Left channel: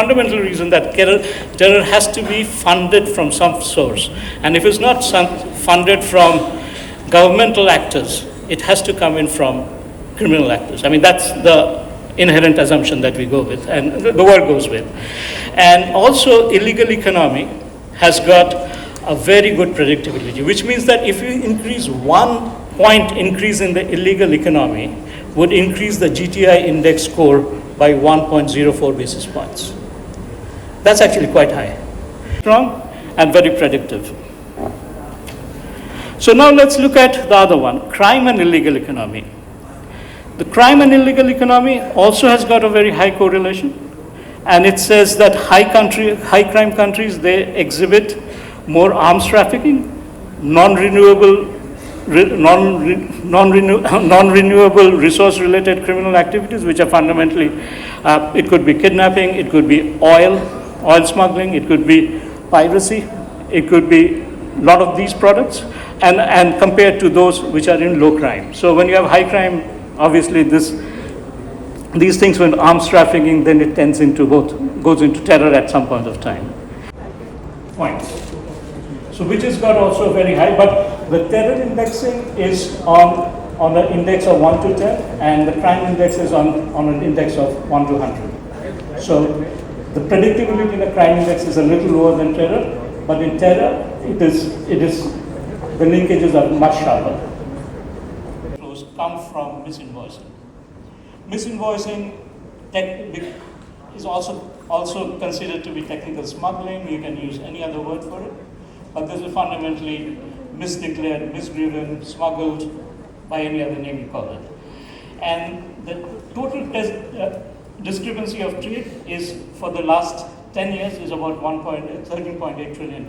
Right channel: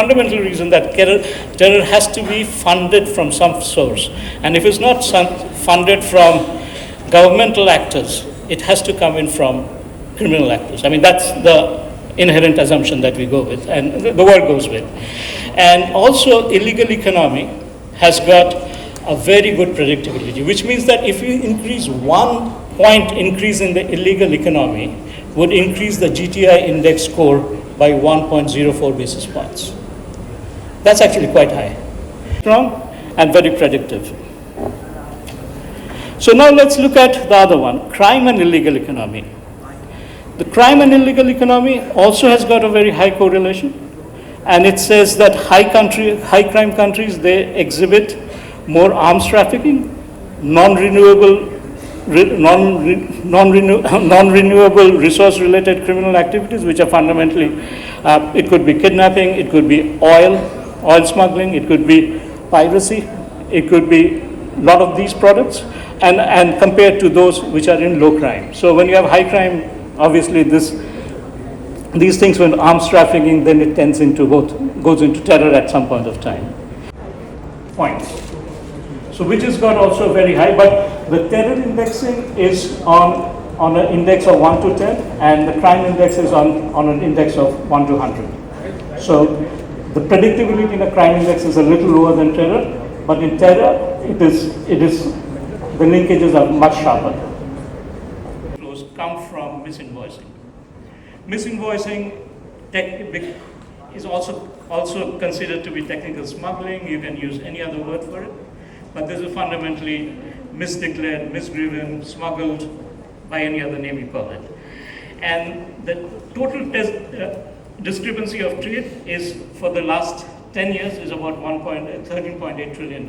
fundamental reason that terror has to be funded from some source. And if it's not funded from governmental actors, it has to come in from criminal actors. I mean, that's the inherent assumption that we go with, and the world goes with. And also, illegal economy has got a very good predictability, which means that if you increase 1 point increase in the illegal economy, would increase the GTI index score by 1.04 basis points. That's actually quite high. Strong and very predictive. So now let's look at the other one, crime and illegal economy. The crime and illegal economy also has got a very high correlation, and it says that high crime countries, they exhibit more arms trafficking, non-renewable resource-related criminal activities, which are fundamentally, it could be kidnapping, it could be oil smuggling, it could be piracy, it could be a lot of these products, and compared to those which are in low crime. So when you have high crime, obviously these things, when arms trafficking, then it goes into terror at some point of time. Points. So which has got also very high, but the terror indexing is on an index of 1 to 10, and the crime index is on an index of 1 to 100. So the predictability in the crime index is a little lower than terror, but in terror, it is the linkages are much sharper. Flows come from misinvoicing. Misinvoicing is also considered to be technical smuggling. You can use any other word for it, but this is fundamentally misdeclared, misdriven, smuggled, by any other name you call it. And the total discrepancy of trade is, for the last 10 years, is about $13.8 trillion.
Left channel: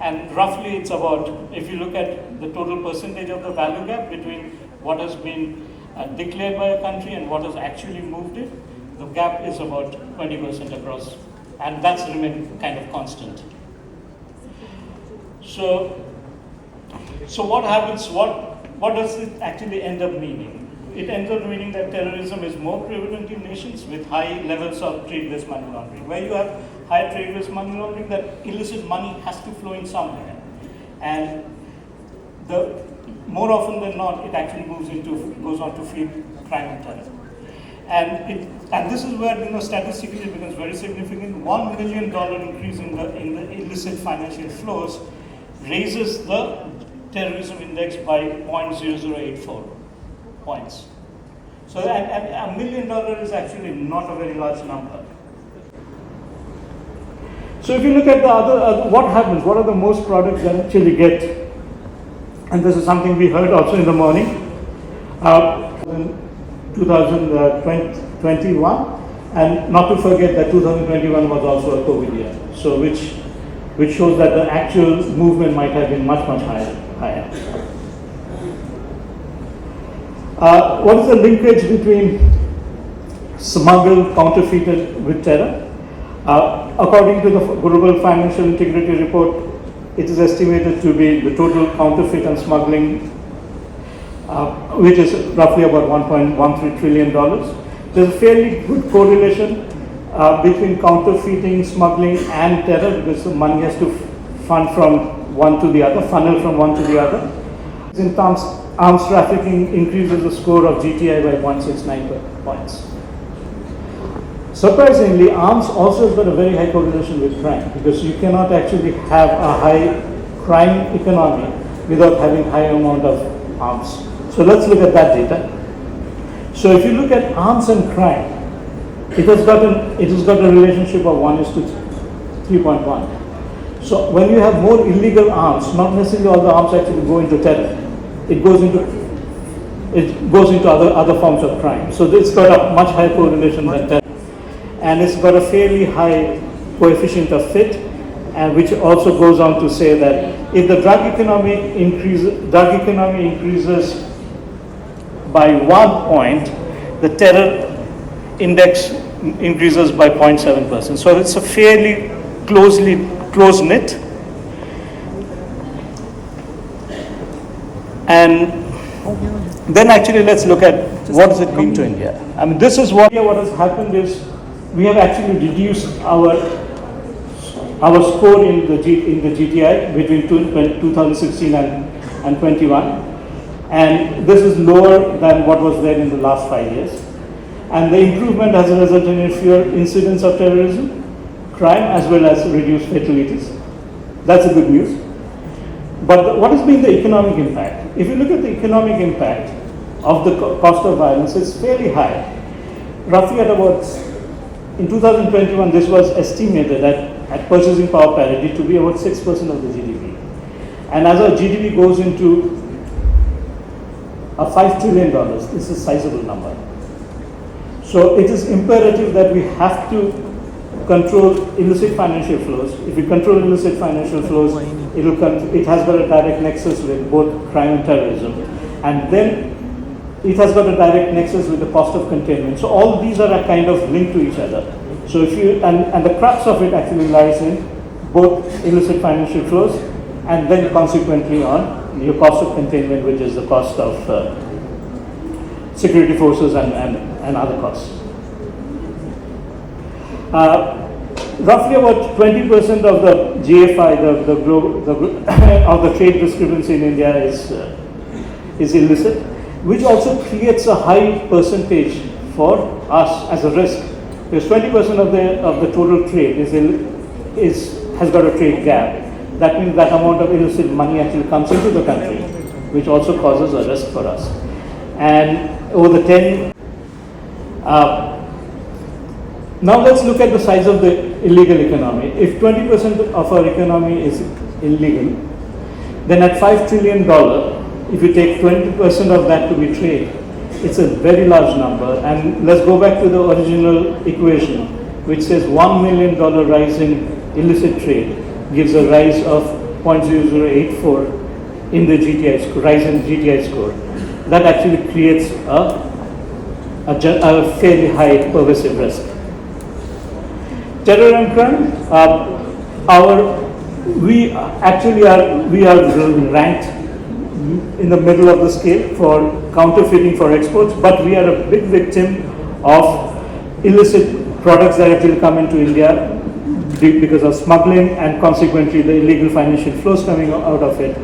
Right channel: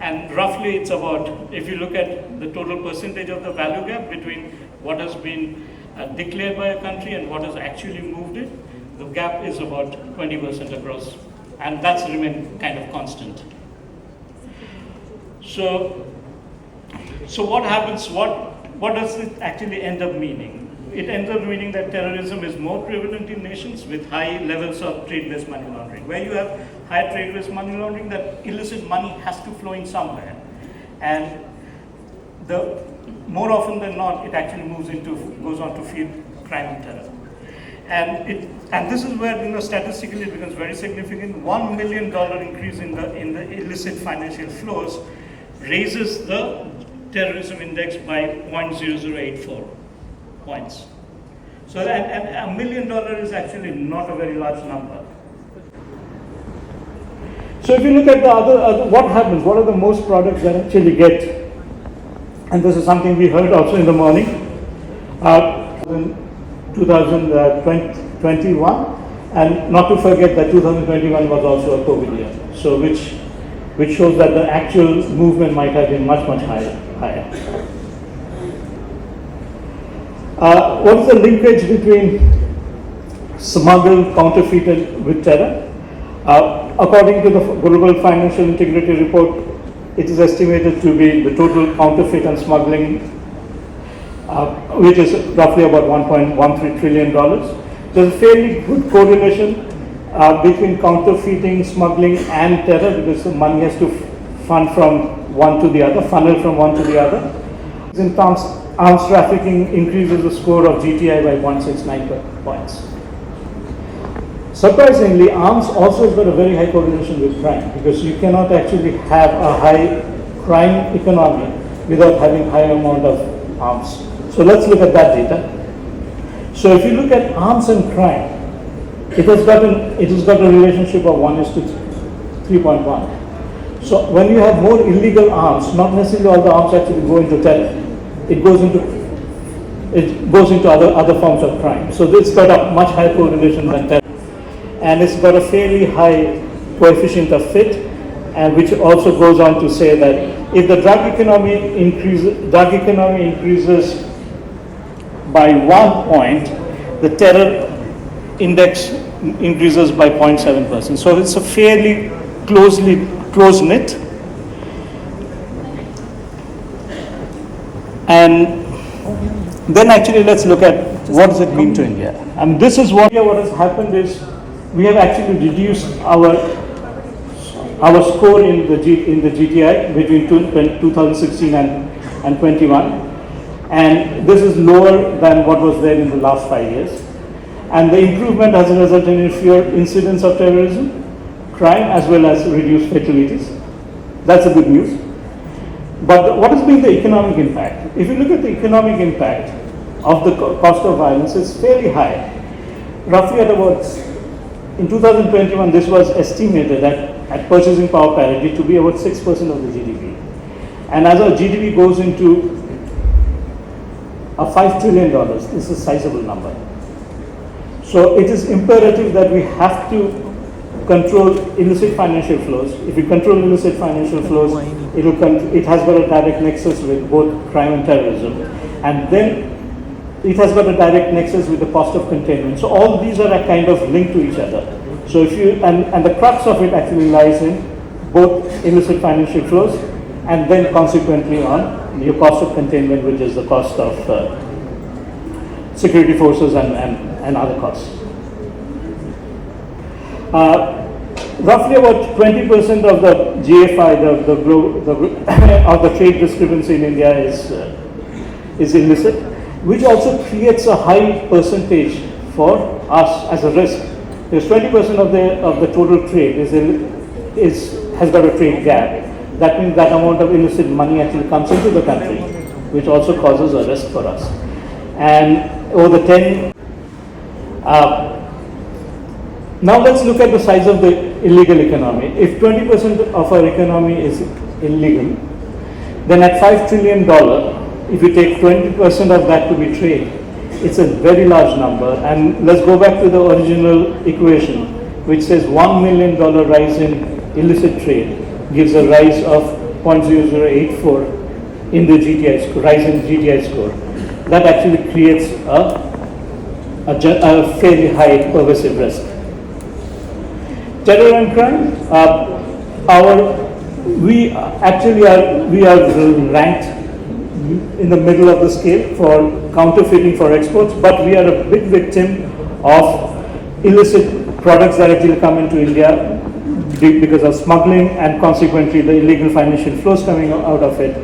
And roughly it's about, if you look at the total percentage of the value gap between what has been declared by a country and what has actually moved it, the gap is about 20% across, and that's remained kind of constant. So what happens, what does it actually end up meaning? It ends up meaning that terrorism is more prevalent in nations with high levels of trade-based money laundering. Where you have high trade-based money laundering, that illicit money has to flow in somewhere. And more often than not, it actually goes on to feed crime and terror. And this is where, statistically it becomes very significant. $1 million increase in the illicit financial flows raises the terrorism index by 0.0084 points. So and $1 million is actually not a very large number. So if you look at the other, what happens, what are the most products that actually get, and this is something we heard also in the morning, in 2021, and not to forget that 2021 was also a COVID year, so which shows that the actual movement might have been much higher. What is the linkage between smuggled, counterfeited with terror? According to the Global Financial Integrity Report, it is estimated to be the total counterfeit and smuggling, which is roughly about $1.13 trillion. There's a fairly good correlation between counterfeiting, smuggling, and terror, because the money has to funnel from one to the other. In terms, arms trafficking increases the score of GTI by 169 points. Surprisingly, arms also has got a very high correlation with crime, because you cannot actually have a high crime economy without having high amount of arms. So let's look at that data. So if you look at arms and crime, it has got a relationship of 1:3.1. So when you have more illegal arms, not necessarily all the arms actually go into terror. It goes into other forms of crime. So it's got a much higher correlation than terror. And it's got a fairly high coefficient of fit, and which also goes on to say that if the drug economy increases by 1 point, the terror index increases by 0.7%. So it's a fairly close-knit. And then actually let's look at what does it mean to India. And this is what has happened is we have actually reduced our score in the GTI between 2016 and 21, and this is lower than what was there in the last 5 years. And the improvement has resulted in fewer incidents of terrorism, crime, as well as reduced fatalities. That's a good news. But what has been the economic impact? If you look at the economic impact of the cost of violence, it's fairly high. Roughly at about, in 2021, this was estimated at purchasing power parity to be about 6% of the GDP. And as our GDP goes into $5 trillion, this is a sizable number. So it is imperative that we have to control illicit financial flows. If we control illicit financial flows, it has got a direct nexus with both crime and terrorism. And then it has got a direct nexus with the cost of containment. So all these are kind of linked to each other. So if you, and the crux of it actually lies in both illicit financial flows and then consequently on your cost of containment, which is the cost of security forces and other costs. Roughly about 20% of the GFI, of the trade discrepancy in India is illicit, which also creates a high percentage for us as a risk. Because 20% of the total trade has got a trade gap. That means that amount of illicit money actually comes into the country, which also causes a risk for us. And over the 10, now let's look at the size of the illegal economy. If 20% of our economy is illegal, then at $5 trillion, if you take 20% of that to be trade, it's a very large number. And let's go back to the original equation, which says $1 million rise in illicit trade gives a rise of 0.0084 in the GTI score, rise in GTI score. That actually creates a fairly high pervasive risk. Terror and crime, we are ranked in the middle of the scale for counterfeiting for exports, but we are a big victim of illicit products that actually come into India because of smuggling, and consequently the illegal financial flows coming out of it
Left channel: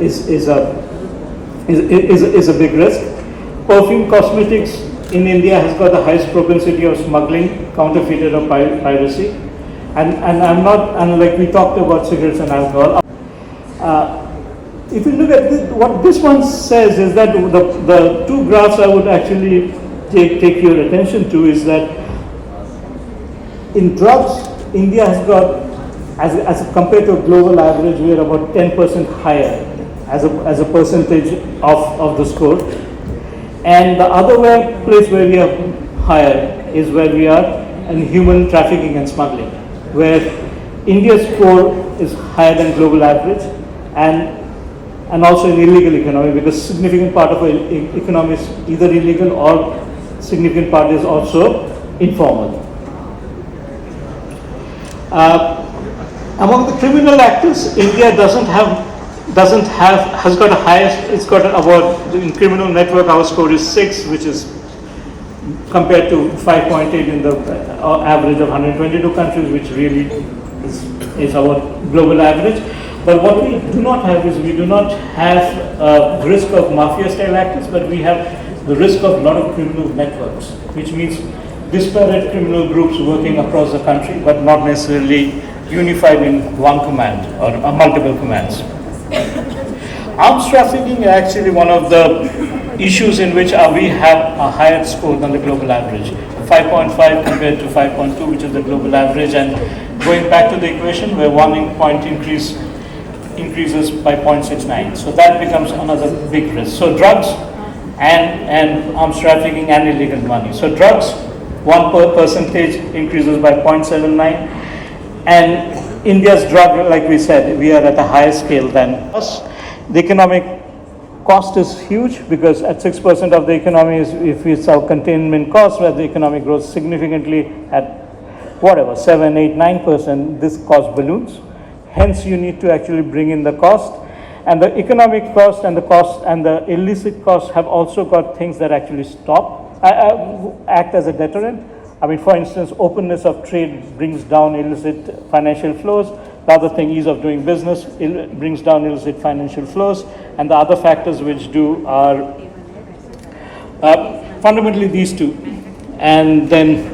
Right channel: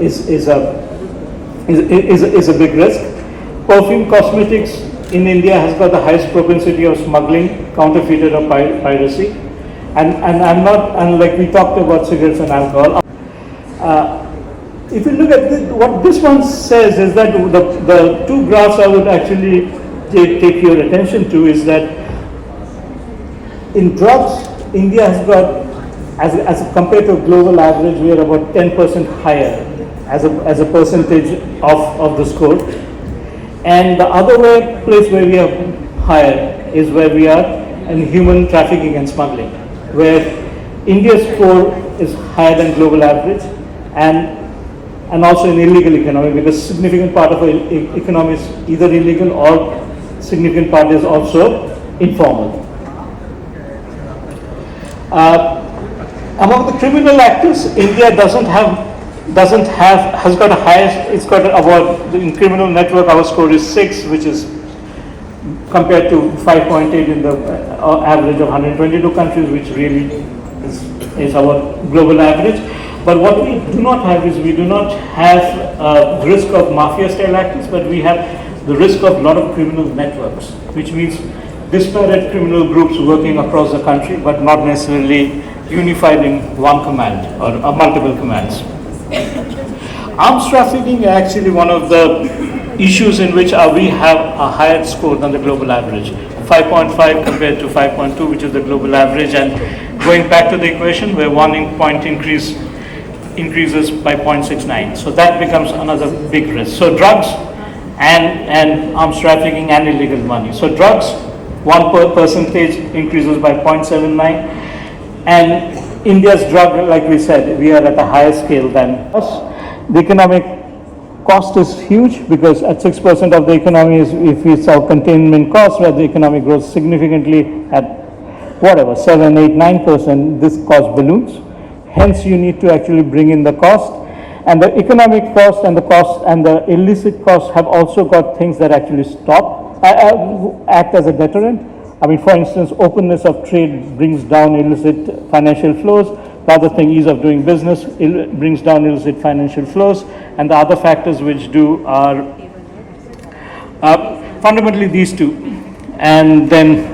is a big risk. Perfume cosmetics in India has got the highest propensity of smuggling, counterfeited or piracy, and like we talked about cigarettes and alcohol. If you look at this, what this one says is that the two graphs I would actually take your attention to is that in drugs, India has got, as compared to a global average, we are about 10% higher as a percentage of the score. And the other place where we are higher is where we are in human trafficking and smuggling, where India's score is higher than global average, and also in illegal economy, because significant part of our economy is either illegal or significant part is also informal. Among the criminal actors, India has got a highest, it's got about, in criminal network our score is 6, which is compared to 5.8 in the average of 122 countries, which really is our global average. But what we do not have is, we do not have the risk of mafia style actors, but we have the risk of a lot of criminal networks, which means disparate criminal groups working across the country, but not necessarily unified in one command or multiple commands. Arms trafficking is actually one of the issues in which we have a higher score than the global average, 5.5 compared to 5.2, which is the global average. And going back to the equation, where 1 point increases by 0.69, so that becomes another big risk. So drugs and arms trafficking and illegal money. So drugs, 1% increases by 0.79, and India's drug, like we said, we are at a higher scale than us. The economic cost is huge, because at 6% of the economy is, if we saw containment costs, where the economy grows significantly at whatever, 7, 8, 9%, this cost balloons. Hence, you need to actually bring in the cost. And the economic cost and the cost and the illicit costs have also got things that actually act as a deterrent. I mean, for instance, openness of trade brings down illicit financial flows. The other thing, ease of doing business, brings down illicit financial flows. And the other factors which do are fundamentally these two. And then,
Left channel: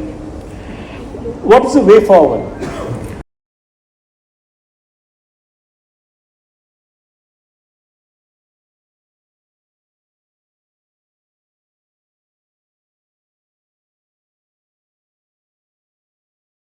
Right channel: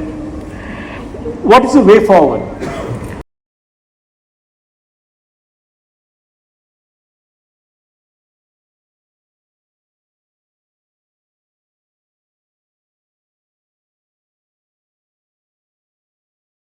what is the way forward?